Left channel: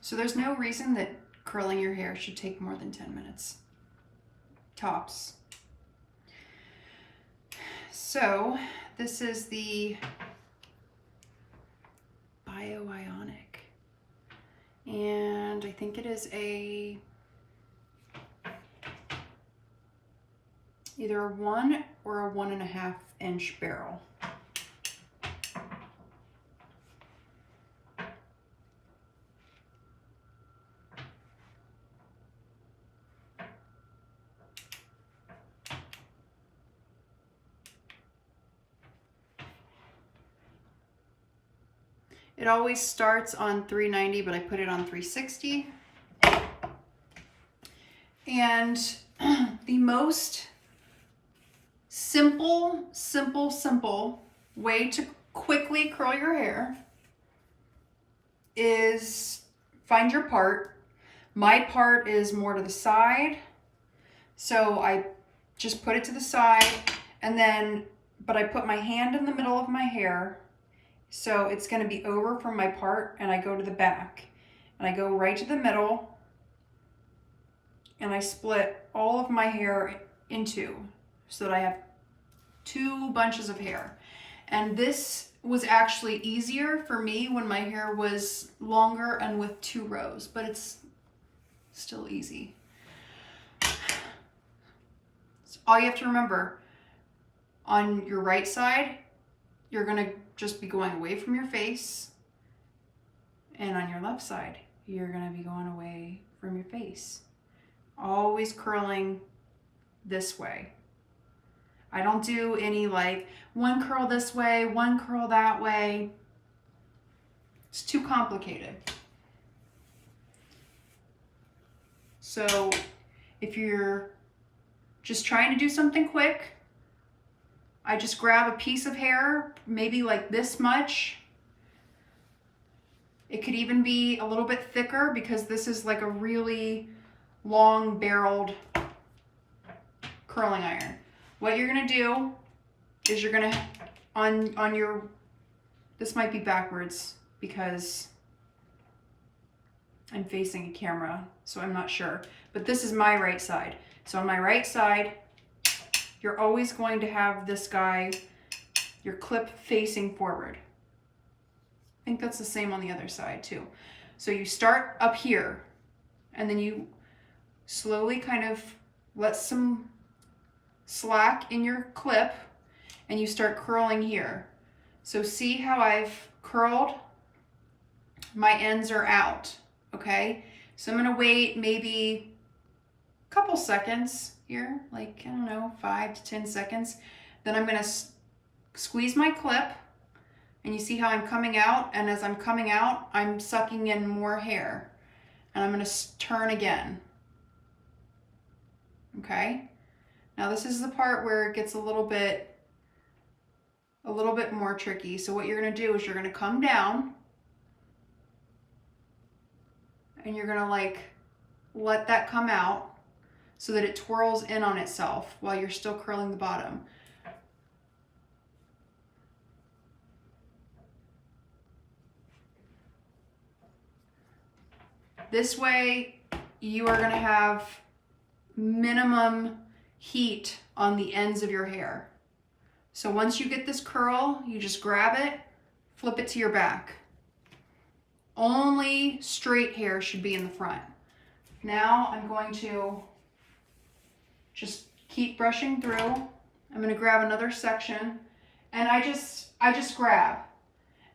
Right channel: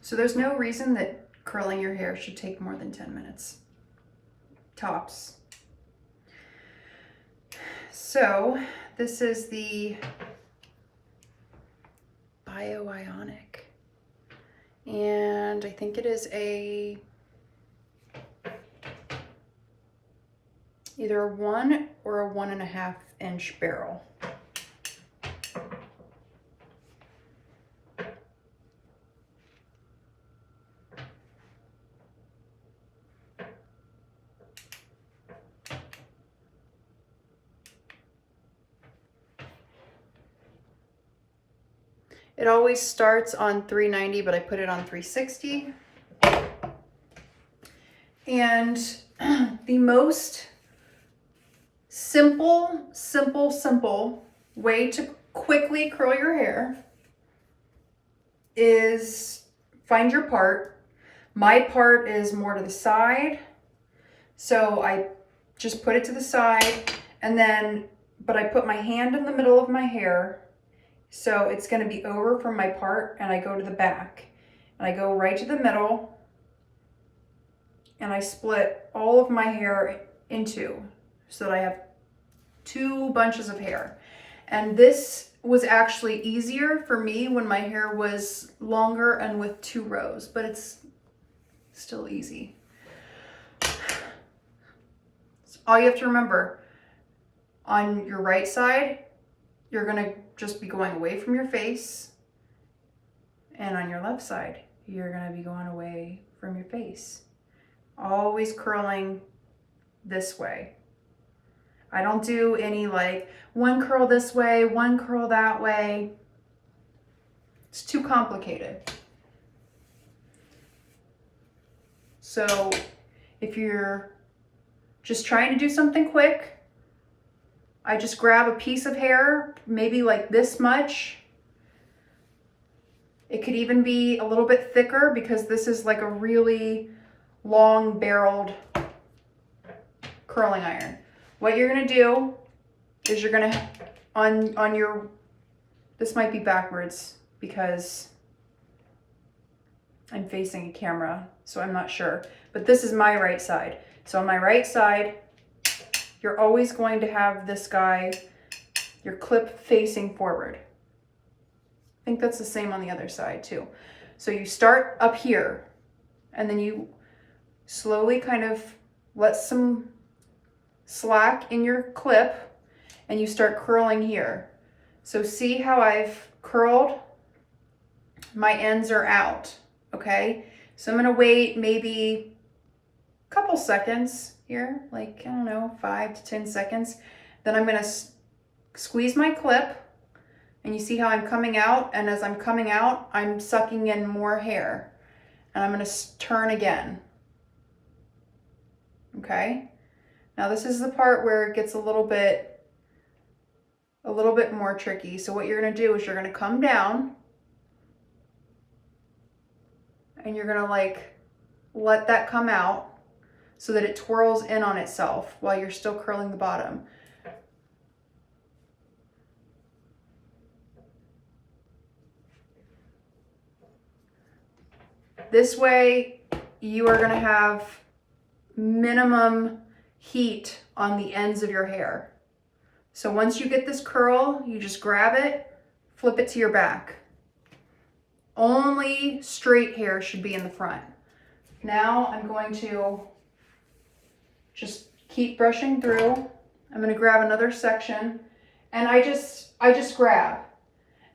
So there's no reason that curling your hair should take more than 10 minutes. Tops. So this is the Bio-Ionic. And I think it is either a 1 or a 1.5 inch barrel. It always starts on 390, but I put it on 360. And the most simple way to quickly curl your hair is find your part. My part is more to the side, so I just put it to the side, and then, but I put my hand in the middle of my hair, so it's going to be over from my part, and I go to the back, and I go right to the middle, and I split all of my hair in two, so that I have 2 bunches of hair. And this was actually easier for me when my hair was longer and with 2 rows, but it's still easy. So all you have to remember, on your right side, you're gonna just be going away from your face, and on your left side, you're gonna be going away from your face. Always curling this way. I don't do any like one curl this way, one curl that way. It's too complicated. So if you're just trying to do something quick, I just grab a piece of hair, maybe like this much. It could even be a little bit thicker because this is like a really long barreled curling iron. What you're gonna do is you're gonna, on your, this might be backwards because I'm facing a camera, so I'm not sure, but this is my right side. So on my right side, you're always going to have this guy, your clip facing forward. I think that's the same on the other side too. So you start up here, and then you slowly kind of let some slack in your clip, and you start curling here. So see how I've curled? My ends are out, okay? So I'm gonna wait maybe a couple seconds here, like, I don't know, 5 to 10 seconds. Then I'm gonna squeeze my clip, and you see how I'm coming out, and as I'm coming out, I'm sucking in more hair, and I'm gonna turn again, okay? Now this is the part where it gets a little bit more tricky. So what you're gonna do is you're gonna come down, and you're gonna like let that come out so that it twirls in on itself while you're still curling the bottom. This way you are gonna have minimum heat on the ends of your hair. So once you get this curl, you just grab it, flip it to your back. Only straight hair should be in the front. Now I'm going to just keep brushing through. I'm going to grab another section, and I just grab.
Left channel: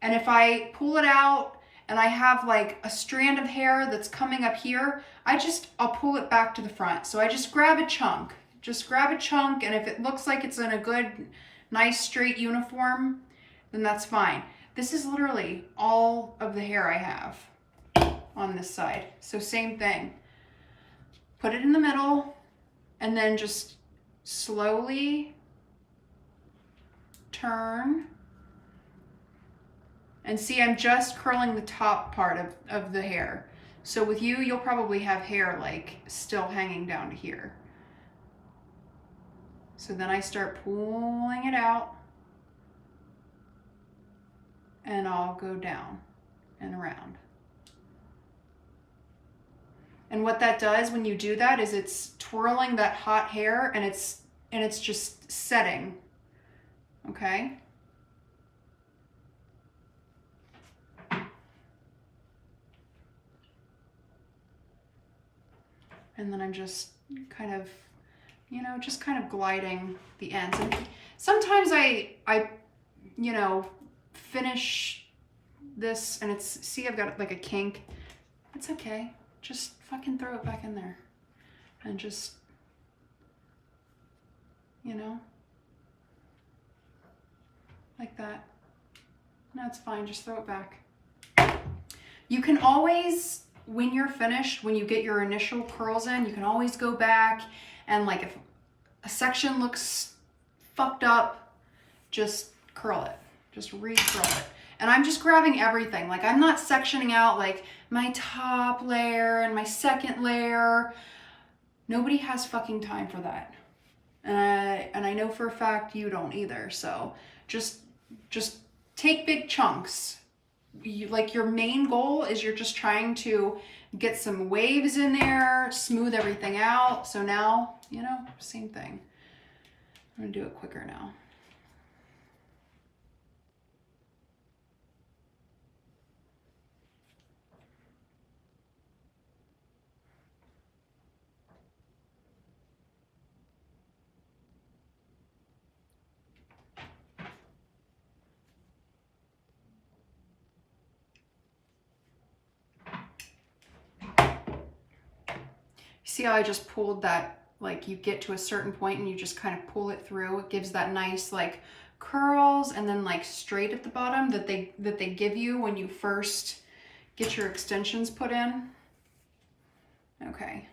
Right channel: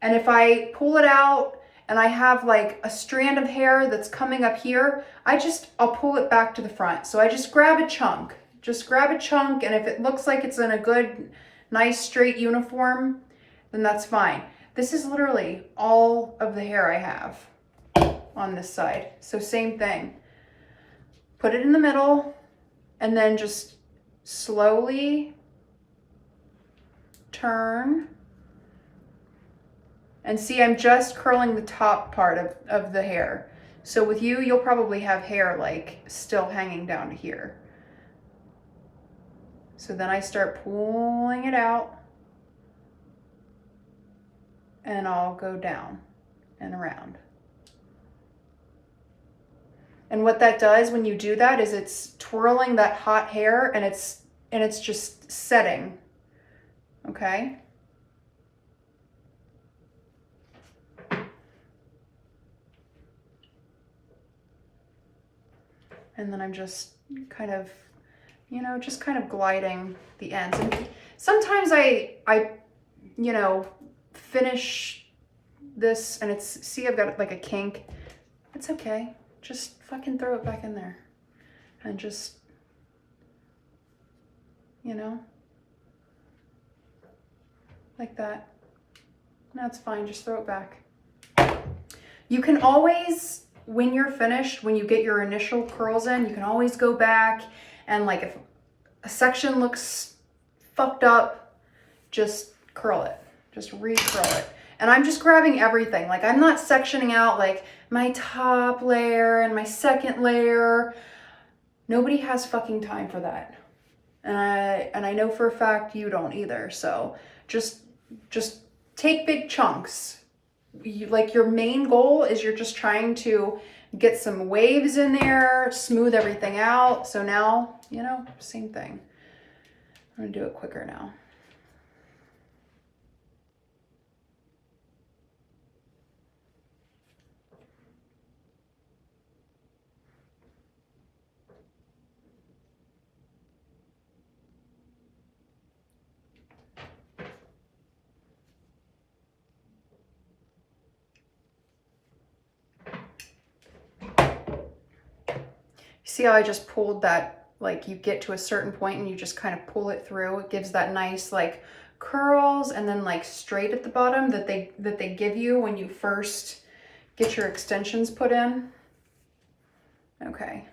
And if I pull it out and I have like a strand of hair that's coming up here, I'll pull it back to the front. So I just grab a chunk. Just grab a chunk, and if it looks like it's in a good, nice straight uniform, then that's fine. This is literally all of the hair I have on this side. So same thing. Put it in the middle, and then just slowly turn. And see, I'm just curling the top part of the hair. So with you, you'll probably have hair like still hanging down to here. So then I start pulling it out, and I'll go down and around. And what that does when you do that is it's twirling that hot hair and it's just setting. Okay? And then I'm just kind of, you know, just kind of gliding the ends. And sometimes I you know, finish this and it's, see, I've got like a kink. It's okay. Just fucking throw it back in there and just, you know, like that. That's fine. Just throw it back. You can always, when you're finished, when you get your initial curls in, you can always go back and like if a section looks fucked up, just curl it. Just re-curl it. And I'm just grabbing everything. Like I'm not sectioning out like my top layer and my second layer. Nobody has fucking time for that. And I know for a fact you don't either. So just take big chunks. Like your main goal is you're just trying to get some waves in there, smooth everything out. So now, you know, same thing. I'm gonna do it quicker now. See how I just pulled that, like you get to a certain point and you just kind of pull it through. It gives that nice like curls and then like straight at the bottom that they give you when you first get your extensions put in. Okay.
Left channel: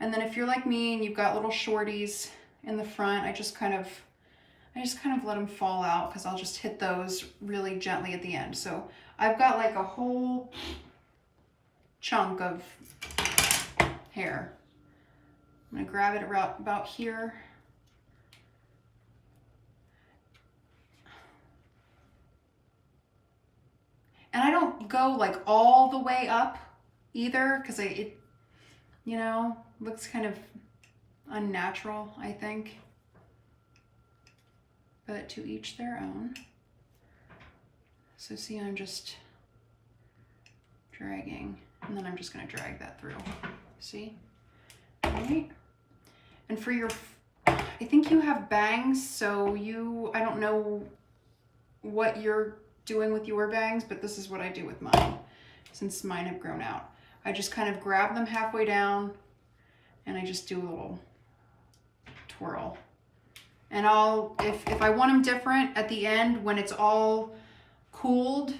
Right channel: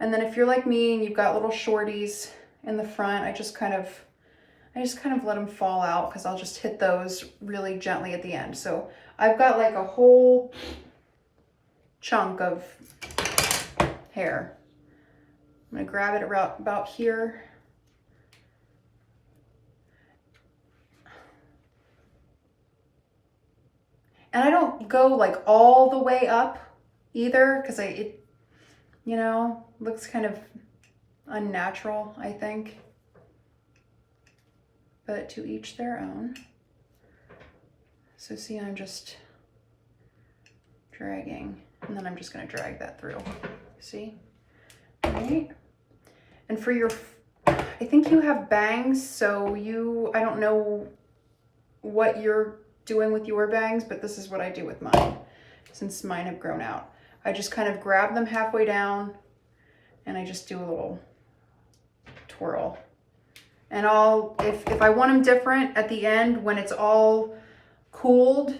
And then if you're like me and you've got little shorties in the front, I just kind of let them fall out because I'll just hit those really gently at the end. So I've got like a whole chunk of hair. I'm gonna grab it around about here. And I don't go like all the way up either because it, you know, looks kind of unnatural, I think. But to each their own. So see, I'm just dragging and then I'm just gonna drag that through. See? All right. And for your, I think you have bangs, so I don't know what you're doing with your bangs, but this is what I do with mine, since mine have grown out. I just kind of grab them halfway down and I just do a little twirl. And if I want them different at the end, when it's all cooled,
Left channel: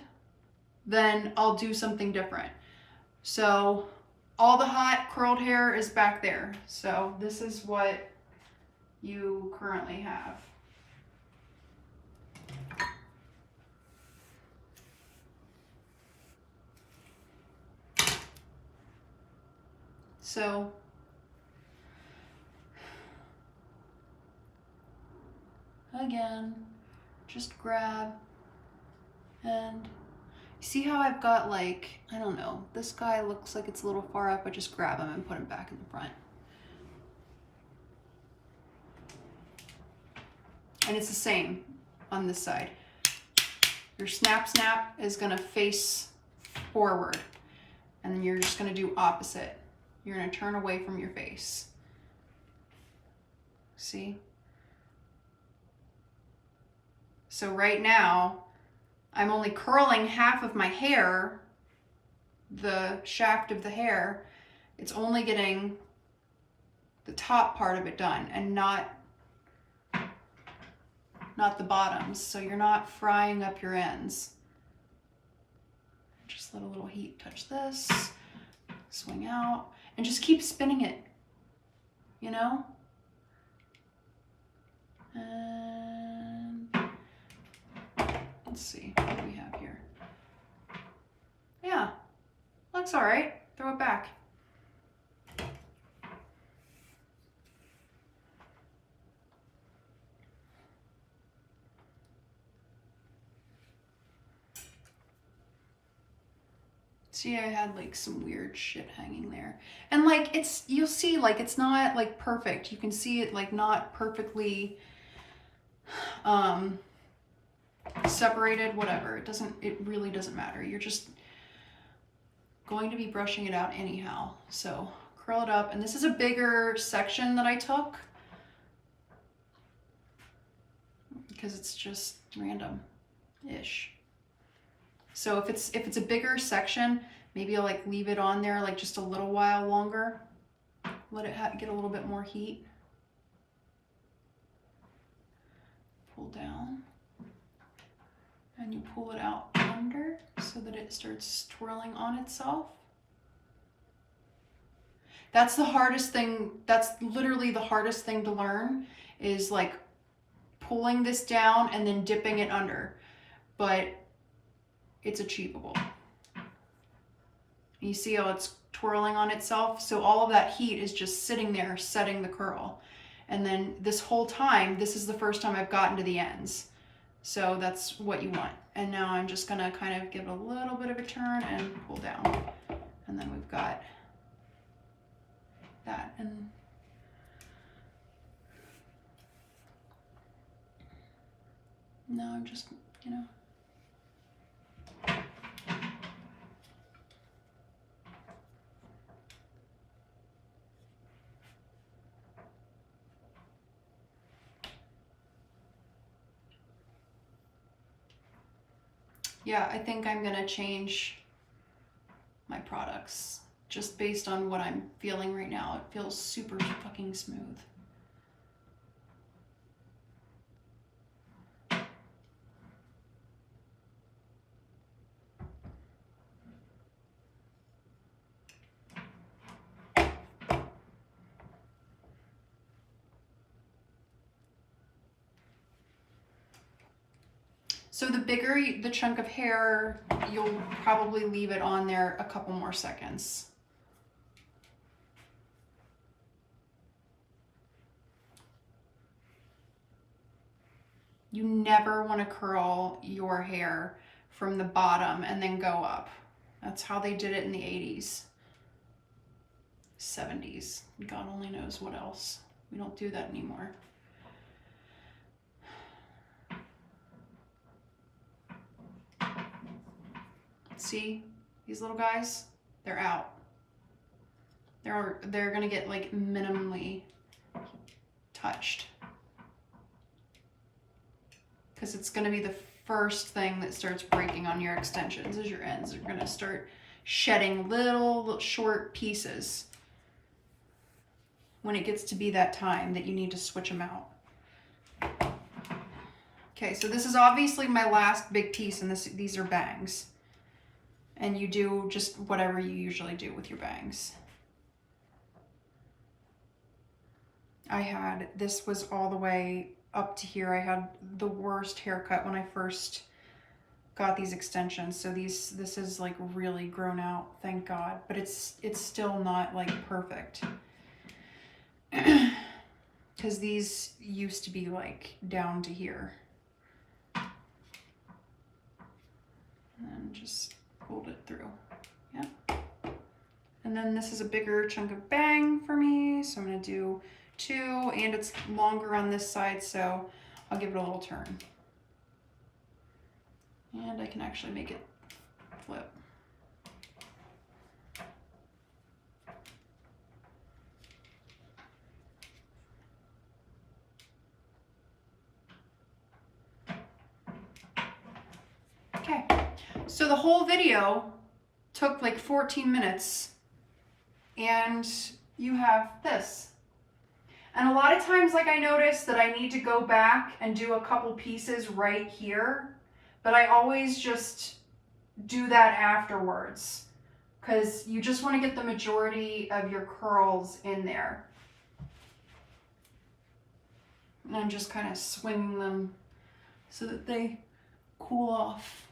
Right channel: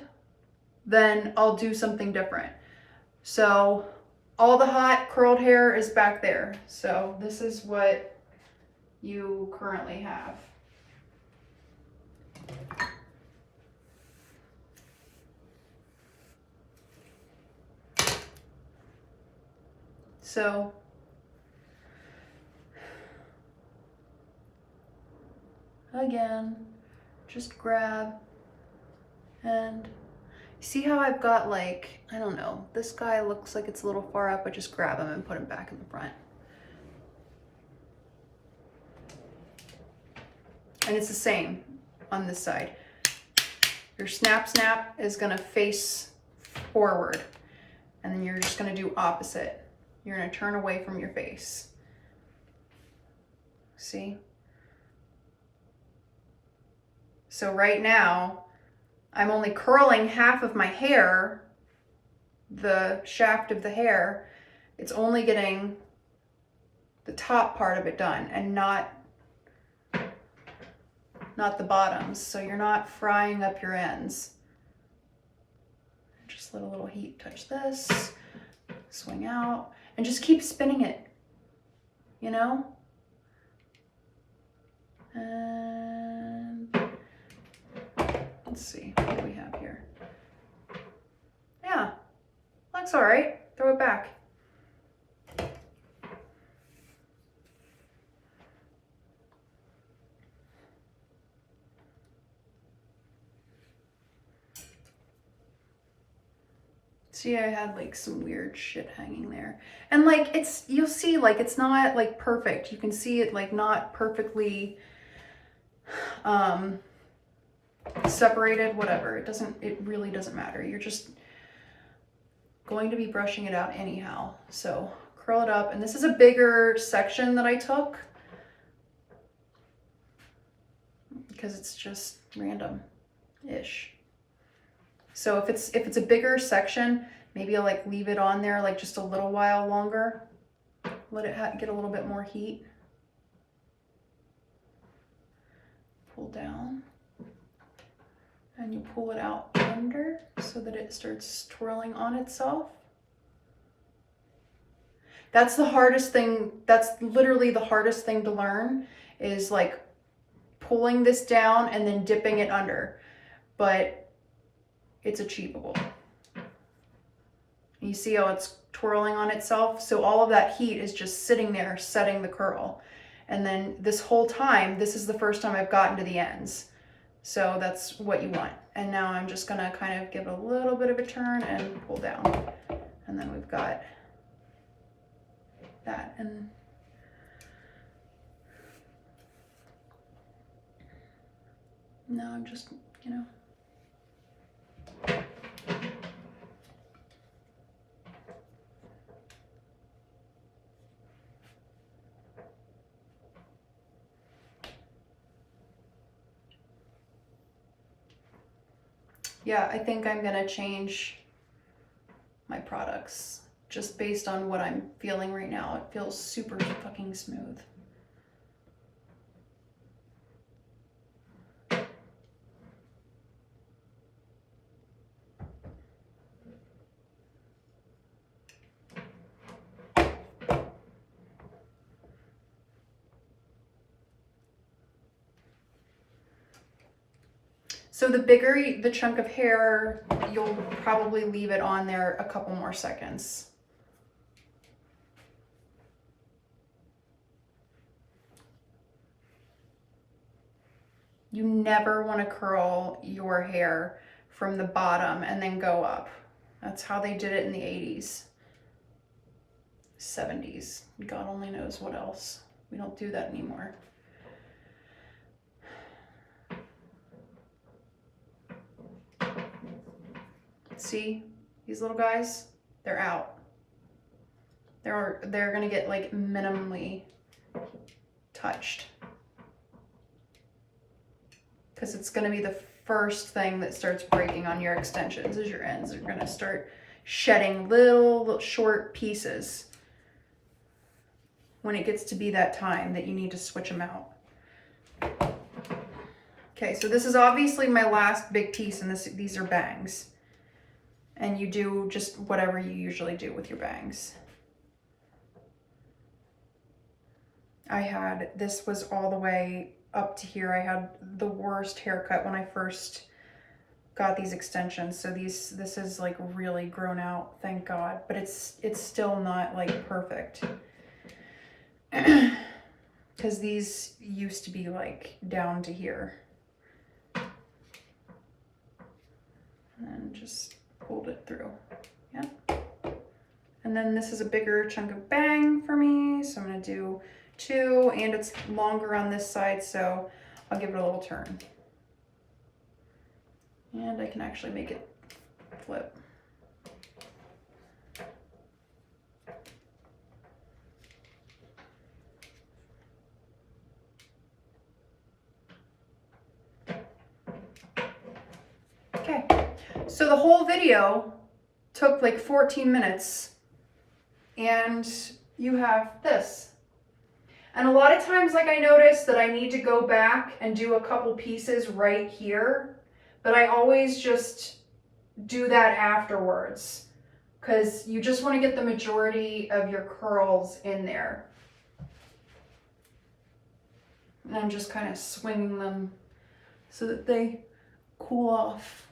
then I'll do something different. So all the hot curled hair is back there. So this is what you currently have. So again, just grab and see how I've got like, I don't know, this guy looks like it's a little far up. I just grab him and put him back in the front. And it's the same on this side. Your snap is gonna face forward and then you're just gonna do opposite. You're gonna turn away from your face. See? So right now, I'm only curling half of my hair, the shaft of the hair. It's only getting the top part of it done and not the bottoms. So you're not frying up your ends. Just let a little heat touch this, swing out, and just keep spinning it, you know? And let's see, what do we have here? Yeah, looks all right. Throw it back. See, I had like some weird shit hanging there. And like you'll see like it's not like perfect. You can see it like not perfectly separated, whatever. It really doesn't matter. You're just going to be brushing it out anyhow. So curl it up. And this is a bigger section that I took because it's just random-ish. So if it's a bigger section, maybe I'll like leave it on there like just a little while longer. Let it get a little bit more heat. Pull down. And you pull it out under so that it starts twirling on itself. That's the hardest thing. That's literally the hardest thing to learn, is like pulling this down and then dipping it under. But it's achievable. You see how it's twirling on itself? So all of that heat is just sitting there setting the curl. And then this whole time, this is the first time I've gotten to the ends. So that's what you want. And now I'm just gonna kind of give it a little bit of a turn and pull down. And then we've got that. And now I'm just, you know. Yeah, I think I'm gonna change my products just based on what I'm feeling right now. It feels super fucking smooth. So the bigger the chunk of hair, you'll probably leave it on there a couple more seconds. You never want to curl your hair from the bottom and then go up. That's how they did it in the 80s, 70s. God only knows what else. We don't do that anymore. See, these little guys, they're out. They're gonna get like minimally touched, because it's gonna be the first thing that starts breaking on your extensions. Is your ends are gonna start shedding little short pieces when it gets to be that time that you need to switch them out. Okay, so this is obviously my last big piece, and these are bangs. And you do just whatever you usually do with your bangs. This was all the way up to here. I had the worst haircut when I first got these extensions. So this is like really grown out, thank God. But it's still not like perfect. Because these used to be like down to here. And just pulled it through. Yeah. And then this is a bigger chunk of bang for me, so I'm gonna do 2, and it's longer on this side, so I'll give it a little turn. And I can actually make it flip. Okay, so the whole video took like 14 minutes, and you have this. And a lot of times, like, I notice that I need to go back and do a couple pieces right here, but I always just do that afterwards, because you just want to get the majority of your curls in there. And I'm just kind of swinging them so that they cool off,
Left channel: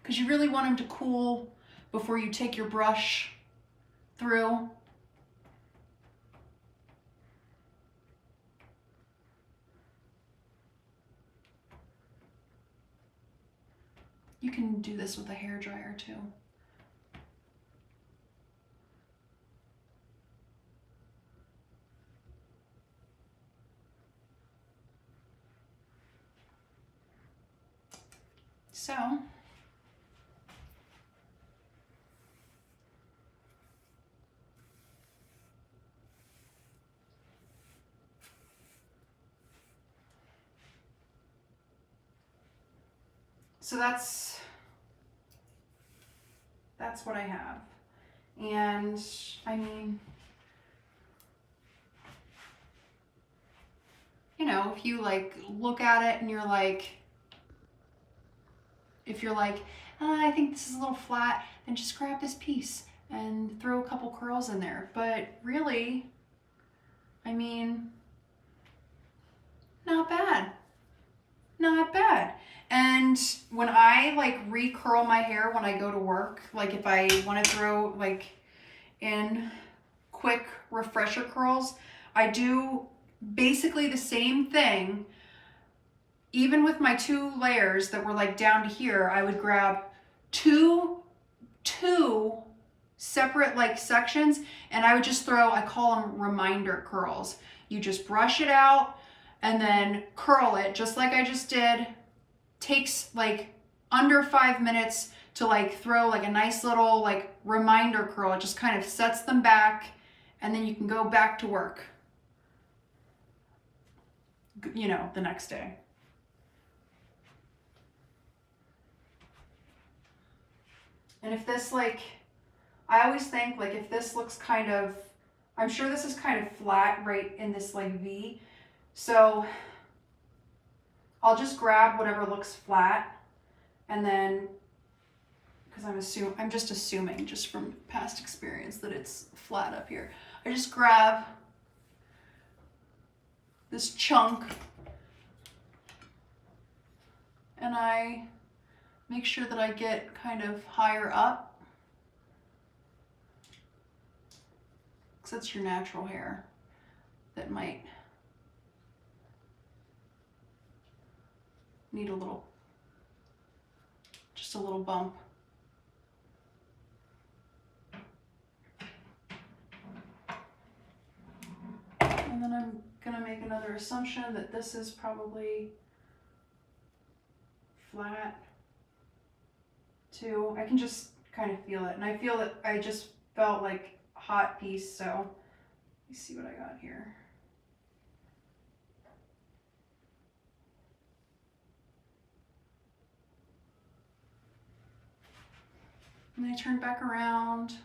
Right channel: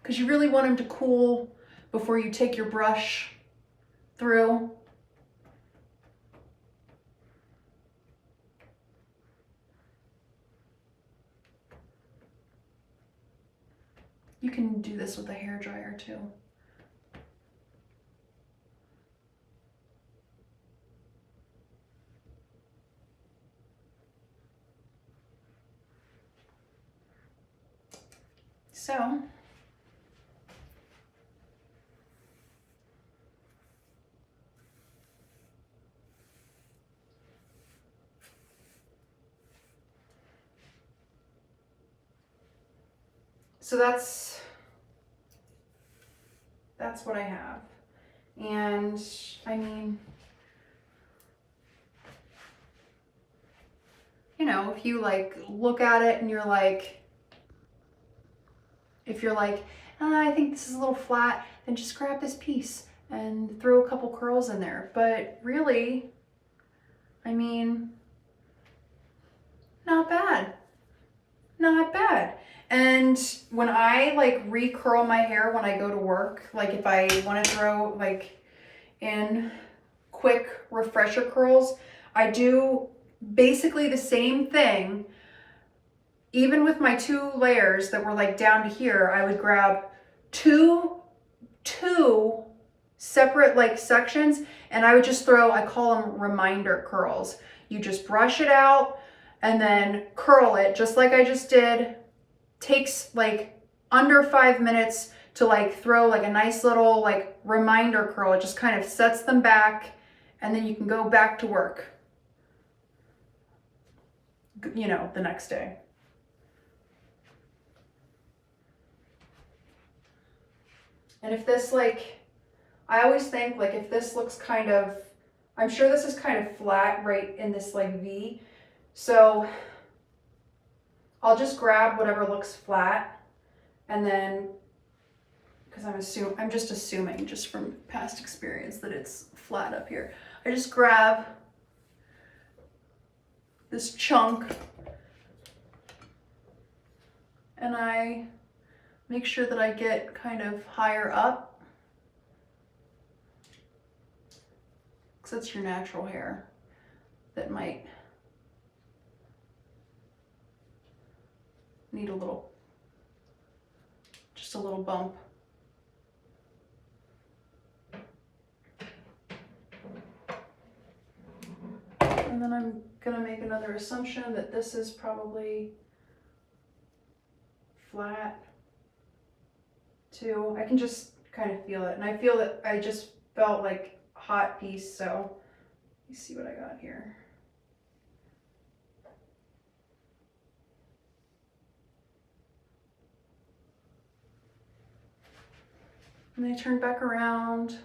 because you really want them to cool before you take your brush through. You can do this with a hairdryer too. So that's what I have. And I mean, you know, if you like look at it and you're like, if you're like, I think this is a little flat, then just grab this piece and throw a couple curls in there. But really, I mean, not bad. Not bad. And when I like recurl my hair when I go to work, like if I want to throw like in quick refresher curls, I do basically the same thing. Even with my 2 layers that were like down to here, I would grab two separate like sections and I would just throw, I call them reminder curls. You just brush it out and then curl it just like I just did. Takes like under 5 minutes to like throw like a nice little like reminder curl. It just kind of sets them back and then you can go back to work, you know, the next day. And if this like, I always think like if this looks kind of, I'm sure this is kind of flat right in this like V. So I'll just grab whatever looks flat and then, because I'm just assuming just from past experience that it's flat up here. I just grab this chunk and I make sure that I get kind of higher up, because that's your natural hair that might need just a little bump. And then I'm gonna make another assumption that this is probably flat too. I can just kind of feel it. And I feel that I just felt like a hot piece, so let me see what I got here. And then I turn back around.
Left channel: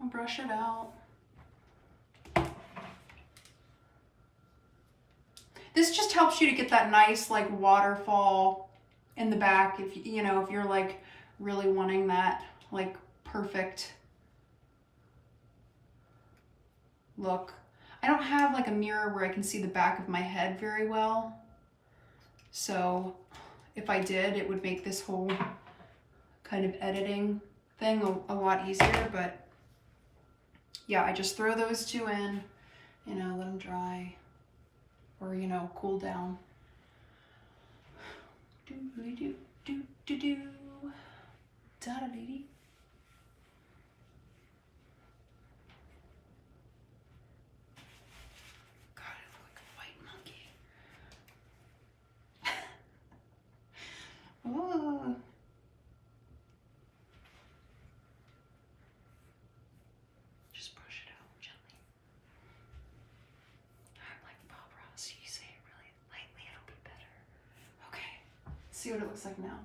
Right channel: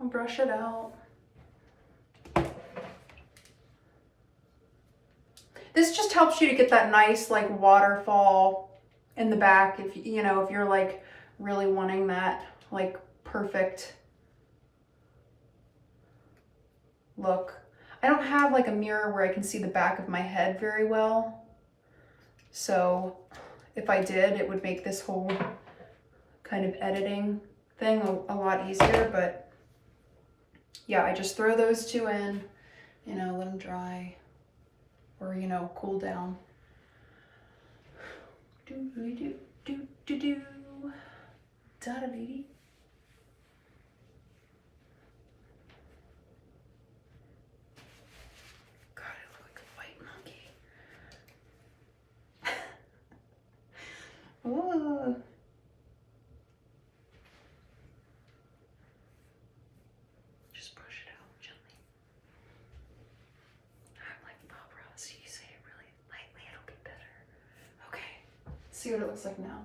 I'll brush it out. This just helps you to get that nice like waterfall in the back if you know, if you're like really wanting that like perfect look. I don't have like a mirror where I can see the back of my head very well. So if I did, it would make this whole kind of editing thing a lot easier, but yeah, I just throw those 2 in, you know, let them dry or, you know, cool down. Do do do do do da da dee dee. God, I look like a white monkey. Ooh. Just brush it out gently. I'm like Bob Ross. You say it really lightly, it'll be better. Okay, let's see what it looks like now.